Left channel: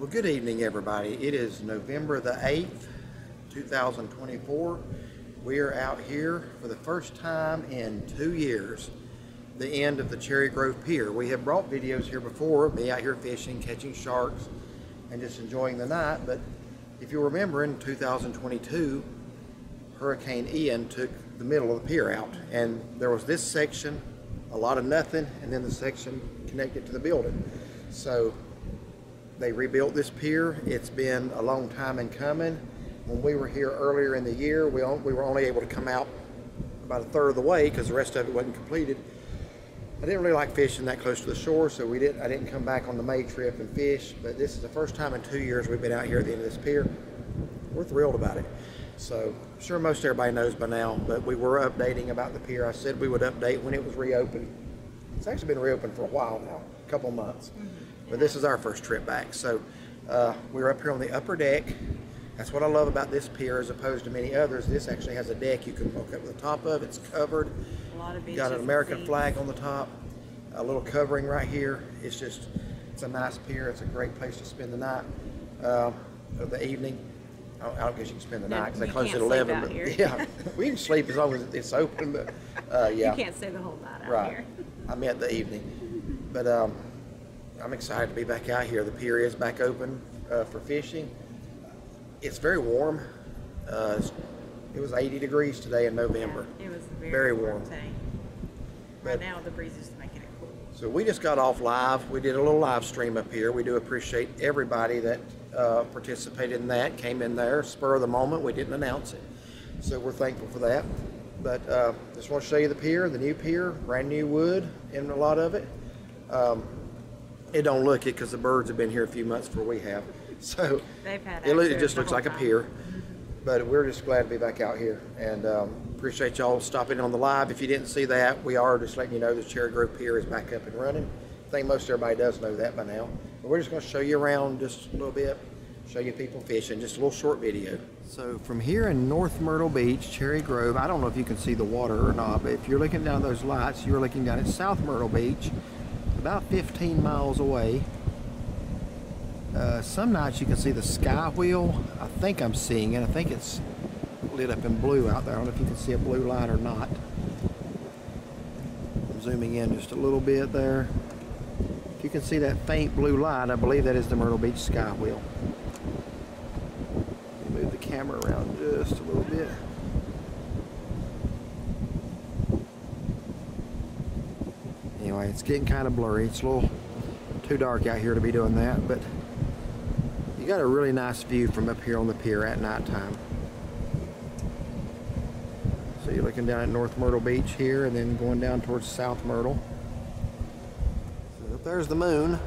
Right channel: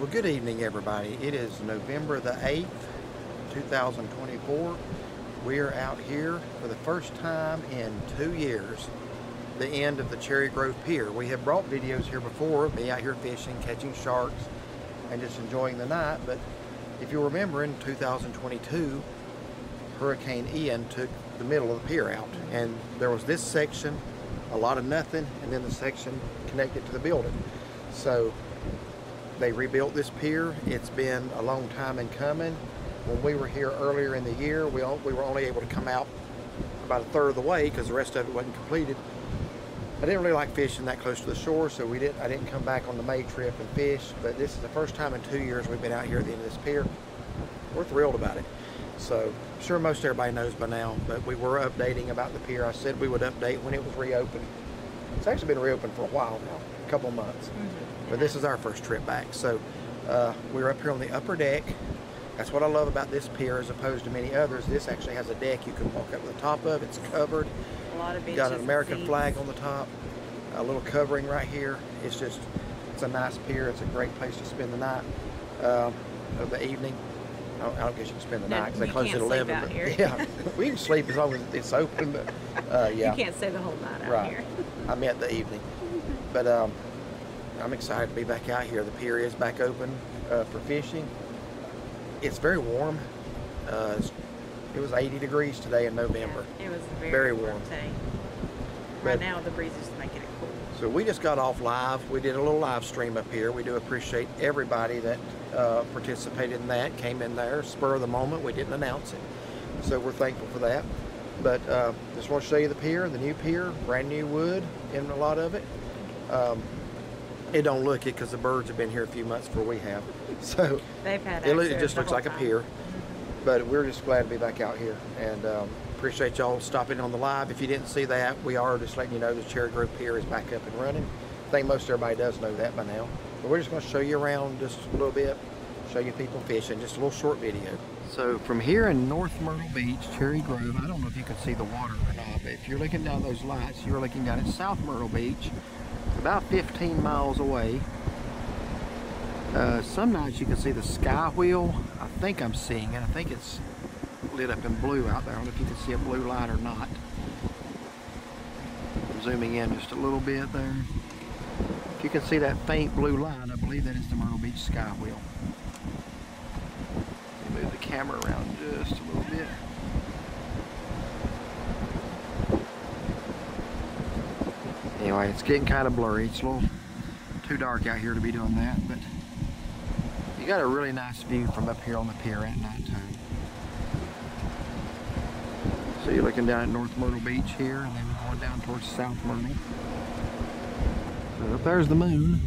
Well, good evening, everybody. It is November the 8th, 2024. We are out here for the first time in 2 years, the end of the Cherry Grove Pier. We have brought videos here before, me out here fishing, catching sharks, and just enjoying the night. But if you remember, in 2022, Hurricane Ian took the middle of the pier out. And there was this section, a lot of nothing, and then the section connected to the building. So they rebuilt this pier. It's been a long time in coming. When we were here earlier in the year, we were only able to come out about a third of the way because the rest of it wasn't completed. I didn't really like fishing that close to the shore, so I didn't come back on the May trip and fish. But this is the first time in 2 years we've been out here at the end of this pier. We're thrilled about it. So I'm sure most everybody knows by now, but we were updating about the pier. I said we would update when it was reopened. It's actually been reopened for a while now, a couple months. But this is our first trip back. So we're up here on the upper deck. That's what I love about this pier as opposed to many others. This actually has a deck you can walk up to the top of. It's covered. A lot of benches. Got an American flag on the top. A little covering right here. It's a nice pier. It's a great place to spend the night of the evening. I don't guess you can spend the night because they close at 11. But yeah, we can sleep as long as it's open. But yeah, you can't stay the whole night out right here. I meant the evening. But I'm excited to be back out here. The pier is back open for fishing. It's very warm. It was 80 degrees today in November. Yeah, it was very warm today. Right now the breeze is making it cool. So we just got off live. We did a little live stream up here. We do appreciate everybody that participated in that, came in there, spur of the moment. We didn't announce it. So we're thankful for that. But just want to show you the pier, the new pier, brand new wood in a lot of it. It don't look it because the birds have been here a few months before we have. So they've had it just looks like a pier. But we're just glad to be back out here. And appreciate y'all stopping on the live. If you didn't see that, we are just letting you know the Cherry Grove Pier is back up and running. I think most everybody does know that by now. But we're just going to show you around just a little bit, show you people fishing, just a little short video. So from here in North Myrtle Beach, Cherry Grove, I don't know if you can see the water or not, but if you're looking down those lights, you're looking down at South Myrtle Beach, about 15 miles away. Some nights you can see the sky wheel. I think I'm seeing it. I think it's lit up in blue out there. I don't know if you can see a blue line or not. I'm zooming in just a little bit there. If you can see that faint blue line, I believe that is the Myrtle Beach sky wheel. Move the camera around just a little bit. Anyway, it's getting kind of blurry. It's a little too dark out here to be doing that, but you got a really nice view from up here on the pier at nighttime. So you're looking down at North Myrtle Beach here and then going down towards South Myrtle. So up there's the moon.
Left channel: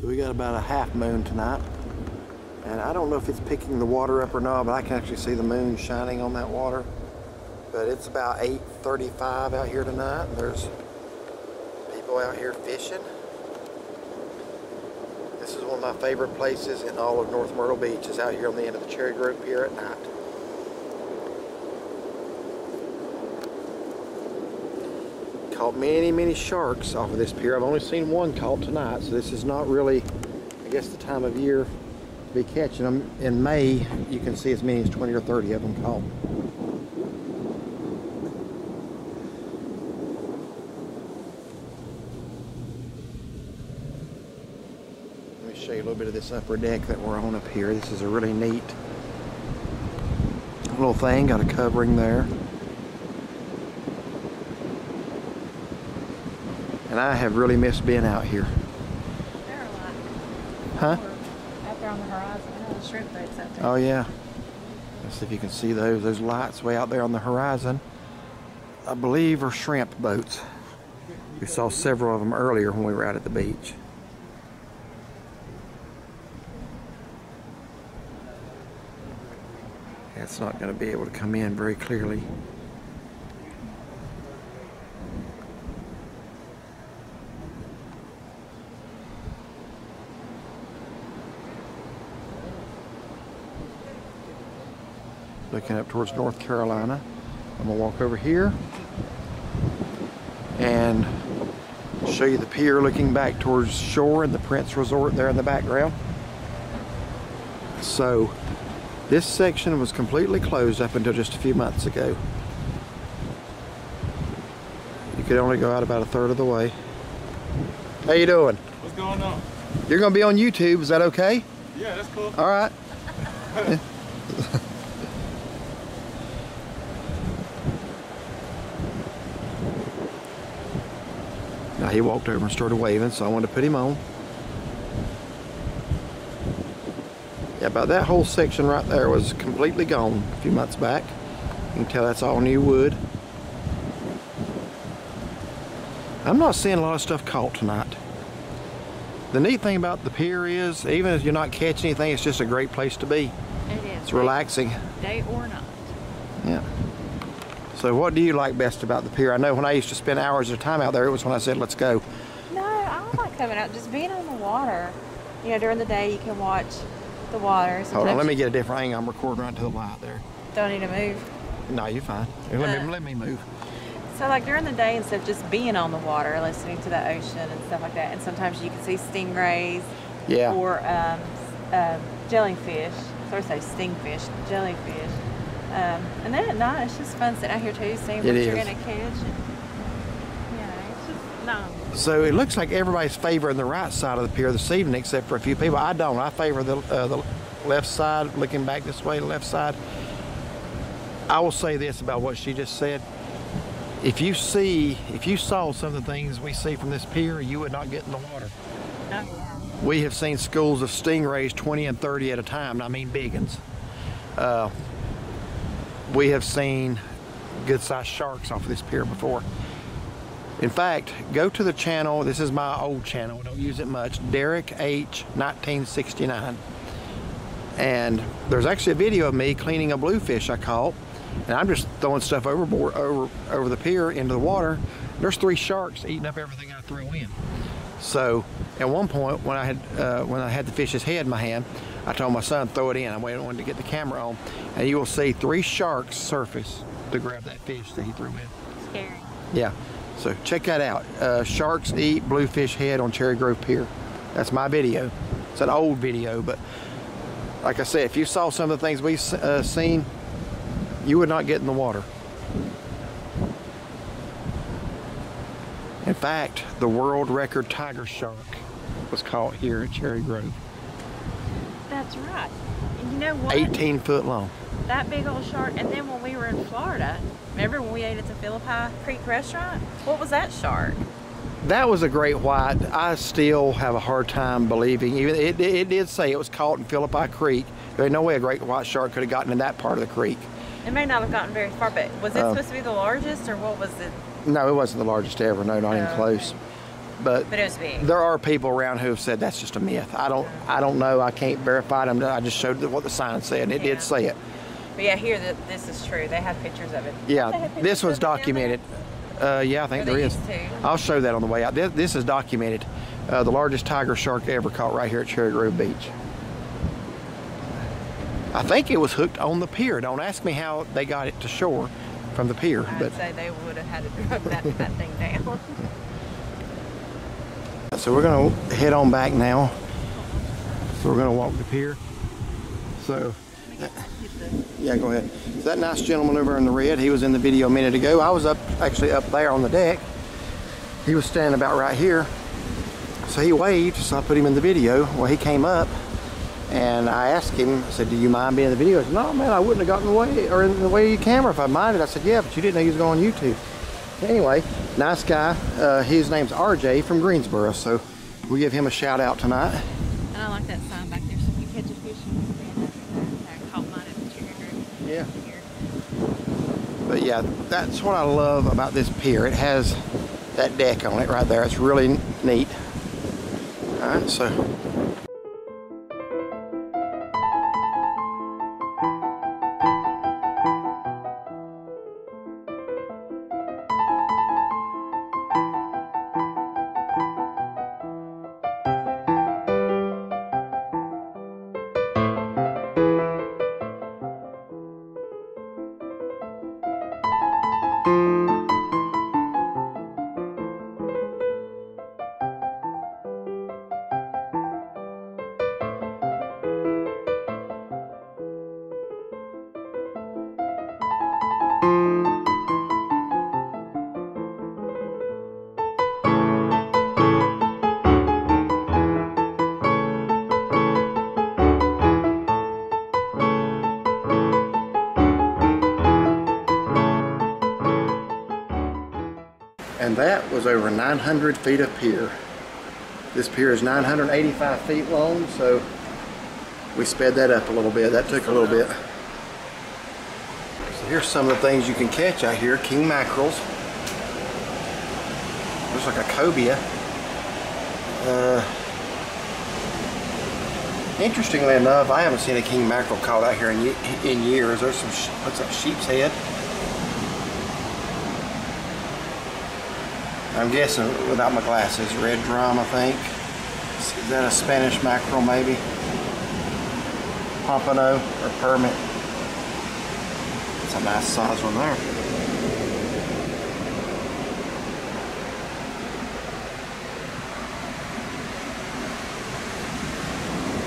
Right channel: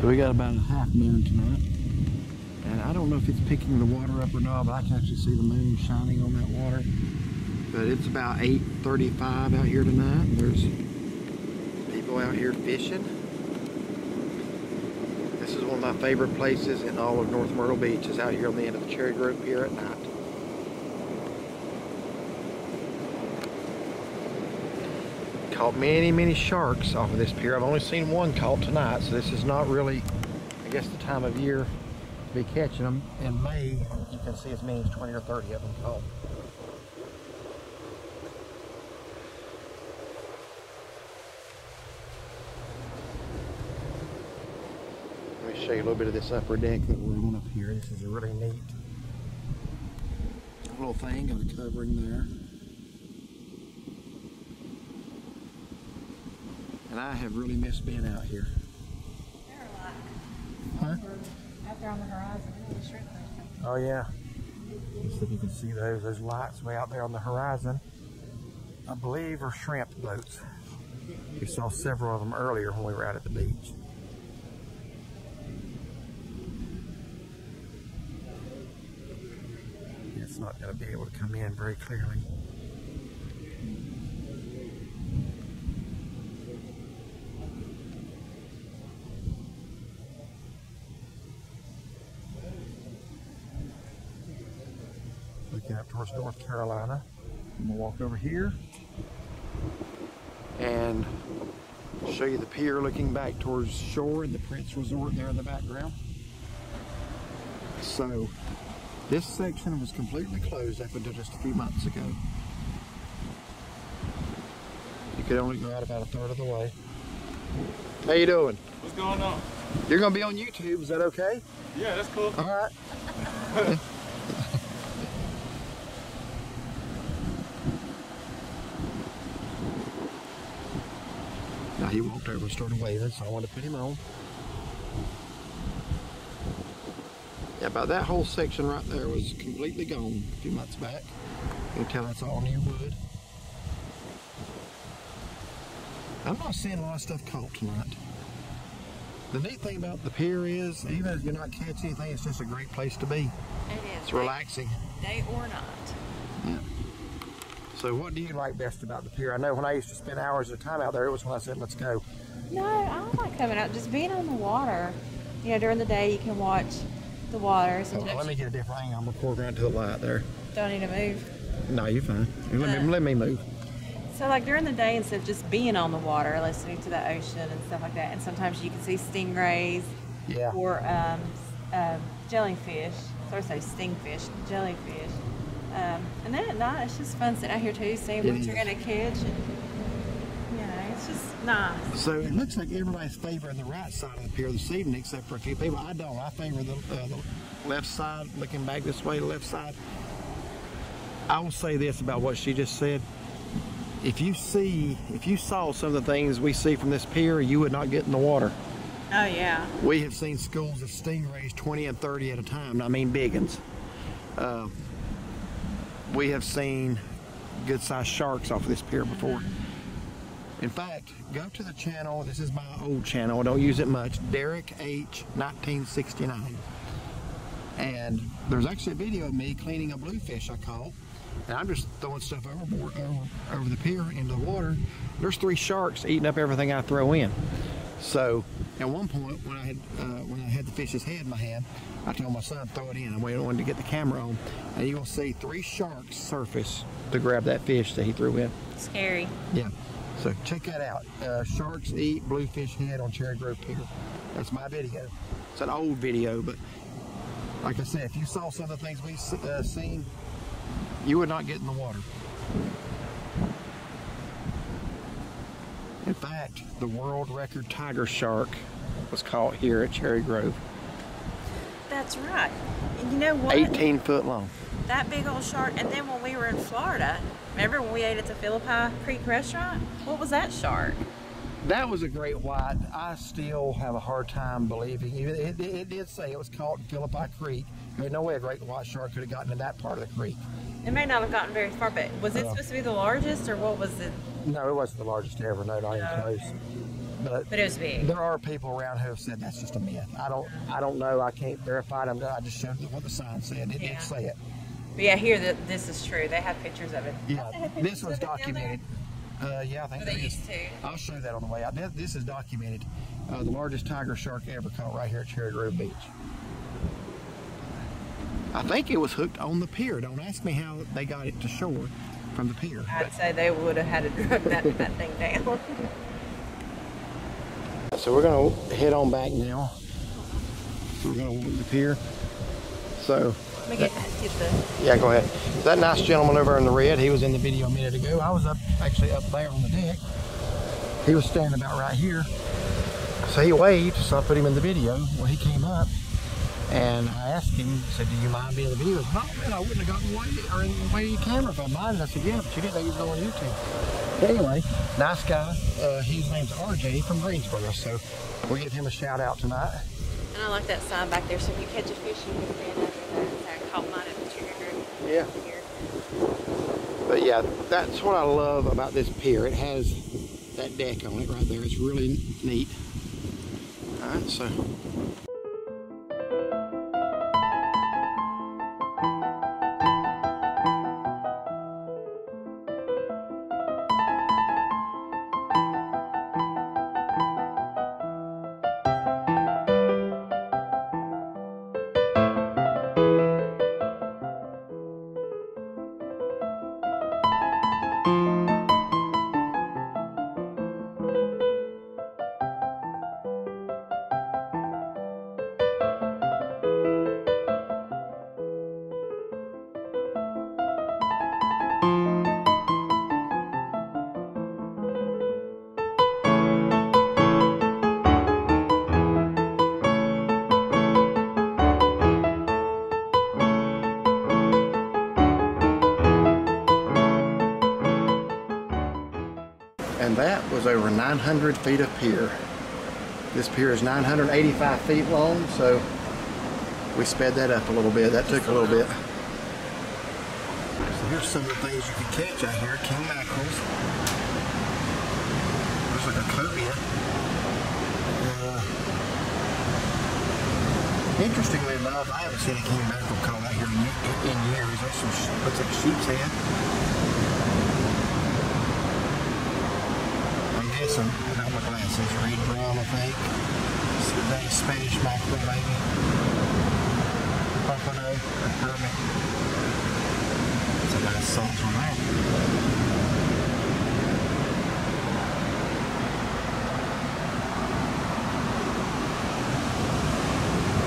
So we got about a half moon tonight. And I don't know if it's picking the water up or not, but I can actually see the moon shining on that water. But it's about 8:35 out here tonight. There's people out here fishing. This is one of my favorite places in all of North Myrtle Beach, is out here on the end of the Cherry Grove Pier at night. Caught many sharks off of this pier. I've only seen one caught tonight, so this is not really, I guess, the time of year to be catching them. In May, you can see as many as 20 or 30 of them caught. Show you a little bit of this upper deck that we're on up here. This is a really neat little thing, got a covering there. And I have really missed being out here. There are a lot. Huh? Out there on the horizon. I know the shrimp boats out there. Oh yeah. Let's see if you can see those. Those lights way out there on the horizon, I believe, are shrimp boats. We saw several of them earlier when we were out at the beach. It's not going to be able to come in very clearly. Looking up towards North Carolina. I'm gonna walk over here and show you the pier looking back towards shore and the Prince Resort there in the background. So this section was completely closed up until just a few months ago. You could only go out about a third of the way. How you doing? What's going on? You're gonna be on YouTube, is that okay? Yeah, that's cool. All right. Now he walked over and started waving, so I wanted to put him on. Yeah, about that whole section right there was completely gone a few months back. You can tell that's all new wood. I'm not seeing a lot of stuff caught tonight. The neat thing about the pier is, even if you're not catching anything, it's just a great place to be. It is. It's relaxing. Day or night. Yeah. So what do you like best about the pier? I know when I used to spend hours at a time out there, it was when I said, let's go. No, I don't like coming out. Just being on the water. You know, during the day you can watch the water. Hold on, let me get a different angle. I'm recording right to the light there. Don't need to move. No, you're fine. Let me move. So like during the day, instead of just being on the water, listening to the ocean and stuff like that, and sometimes you can see stingrays, Yeah. or jellyfish. Sorry, say stingfish, jellyfish. And then at night, it's just fun sitting out here too, seeing what you're gonna catch. And, you know, it's just nice. So it looks like everybody's favoring the right side of the pier this evening, except for a few people. I don't. I favor the left side, looking back this way, the left side. I will say this about what she just said. If you saw some of the things we see from this pier, you would not get in the water. Oh yeah. We have seen schools of stingrays 20 and 30 at a time. I mean big ones. We have seen good-sized sharks off of this pier before. In fact, go to the channel. This is my old channel. I don't use it much. Derek H 1969. And there's actually a video of me cleaning a bluefish I caught. And I'm just throwing stuff overboard, over the pier into the water. There's 3 sharks eating up everything I throw in. So at one point, when I had the fish's head in my hand, I told my son, throw it in. I wanted to get the camera on, and you will see 3 sharks surface to grab that fish that he threw in. Scary. Yeah. So check that out. Sharks eat bluefish head on Cherry Grove Pier. That's my video. It's an old video, but like I said, if you saw some of the things we've seen, you would not get in the water. In fact, the world record tiger shark was caught here at Cherry Grove. That's right. And you know what? 18 foot long. That big old shark. And then when we were in Florida, remember when we ate at the Philippi Creek restaurant? What was that shark? That was a great white. I still have a hard time believing. Even it did say it was caught in Philippi Creek. There's no way a great white shark could have gotten in that part of the creek. It may not have gotten very far, but was it supposed to be the largest, or what was it? No, it wasn't the largest ever. No, not even close. Okay. But it was big. There are people around who have said that's just a myth. I don't know. I can't verify them. I just showed what the sign said, and it did say it. But yeah, here this is true. They have pictures of it. Yeah, this one's documented. Yeah, I think there is. I'll show that on the way out. This is documented. The largest tiger shark ever caught right here at Cherry Grove Beach. I think it was hooked on the pier. Don't ask me how they got it to shore from the pier. I'd say they would have had to drug that thing down. So we're going to head on back now. So we're going to walk the pier. So, yeah, go ahead. That nice gentleman over in the red, he was in the video a minute ago. I was actually up there on the deck. He was standing about right here. So he waved, so I put him in the video. Well, he came up, and I asked him, I said, do you mind being in the video? He said, no, man, I wouldn't have gotten in the way, or in the way of your camera if I minded. I said, yeah, but you didn't know he was going on YouTube. Anyway, nice guy. His name's RJ from Greensboro, so we'll give him a shout out tonight. And I like that sign back there, so if you catch a fish, you can stand up there and caught mine at the Cherry Grove. Yeah. But yeah, that's what I love about this pier. It has that deck on it right there. It's really neat. All right, so. And that was over 900 feet of pier. This pier is 985 feet long, so we sped that up a little bit. That took a little bit. So here's some of the things you can catch out here. King mackerels. There's like a cobia. Interestingly enough, I haven't seen a king mackerel caught out here in years. There's some, what's that, sheep's head? I'm guessing, without my glasses, red drum, I think. Is that a Spanish mackerel, maybe? Pompano or permit. That's a nice size one there.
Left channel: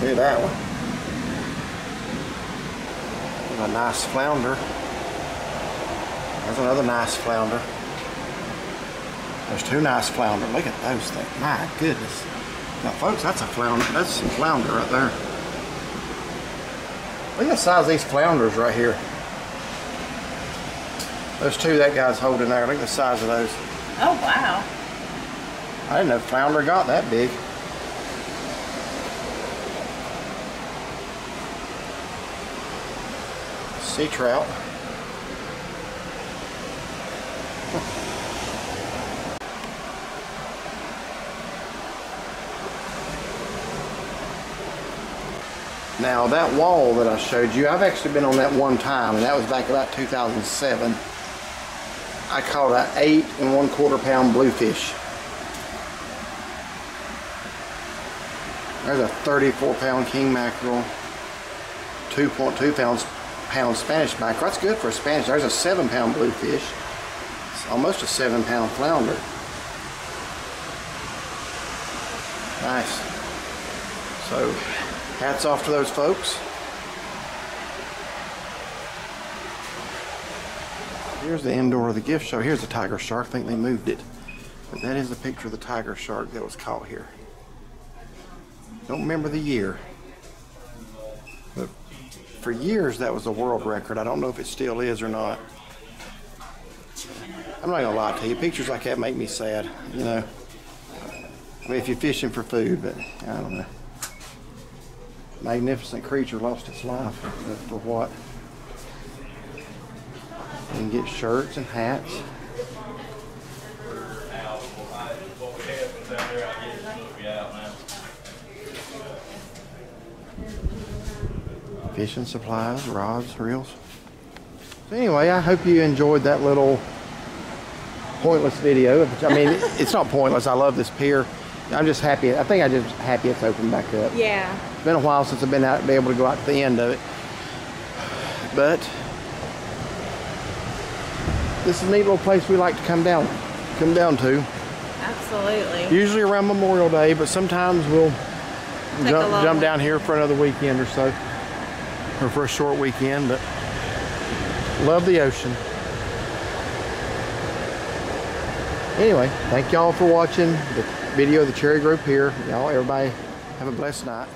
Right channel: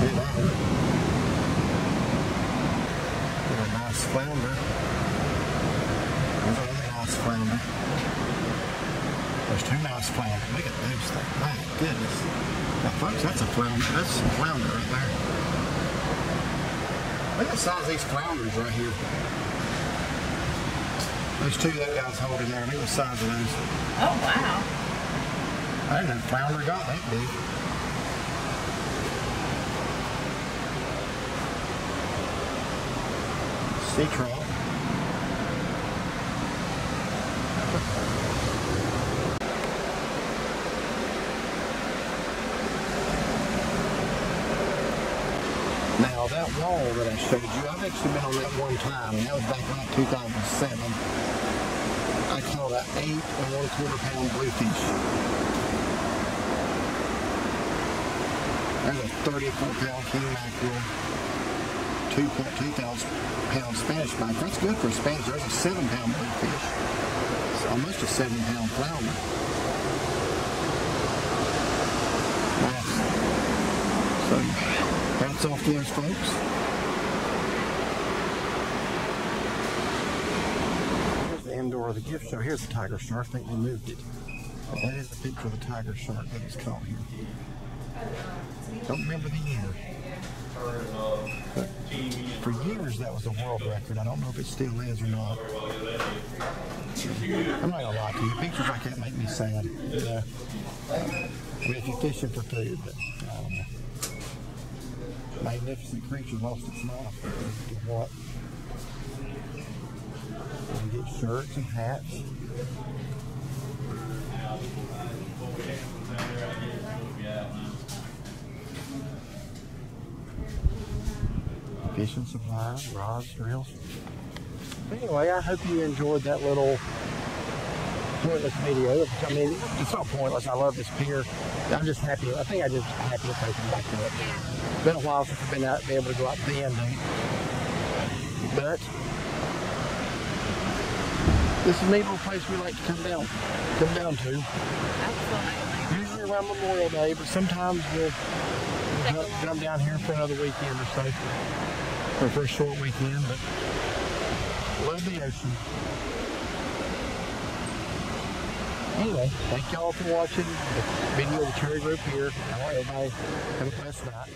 Look at that one. There's a nice flounder. There's another nice flounder. There's two nice flounder. Look at those things. My goodness. Now, folks, that's a flounder. That's some flounder right there. Look at the size of these flounders right here. Those two that guy's holding there. Look at the size of those. Oh, wow. I didn't know flounder got that big. Sea trout. Now that wall that I showed you, I've actually been on that one time, and that was back about 2007. I caught an 8 1/4 pound bluefish. There's a 34 pound king mackerel, 2.2 pound Spanish mackerel. That's good for a Spanish. There's a 7 pound bluefish. It's almost a 7 pound flounder. Nice. So, hats off to those folks. Here's the indoor of the gift show. Here's the tiger shark. I think they moved it. But that is a picture of the tiger shark that was caught here. Don't remember the year. But for years that was a world record. I don't know if it still is or not. I'm not gonna lie to you. Pictures like that make me sad, you know. I mean, if you're fishing for food, but I don't know. Magnificent creature lost its life for what? You can get shirts and hats. Fishing supplies, rods, reels. But anyway, I hope you enjoyed that little pointless video. I mean, it's not pointless. I love this pier. I'm just happy. I think I'm just happy it's opened back up. Yeah. It's been a while since I've been able to go out to the end of it. But this is a neat little place we like to come down to. Absolutely. Usually around Memorial Day, but sometimes we'll jump down here for another weekend or so, or for a short weekend. But love the ocean. Anyway, thank y'all for watching the video of the Cherry Grove Pier. Y'all, everybody, have a blessed night.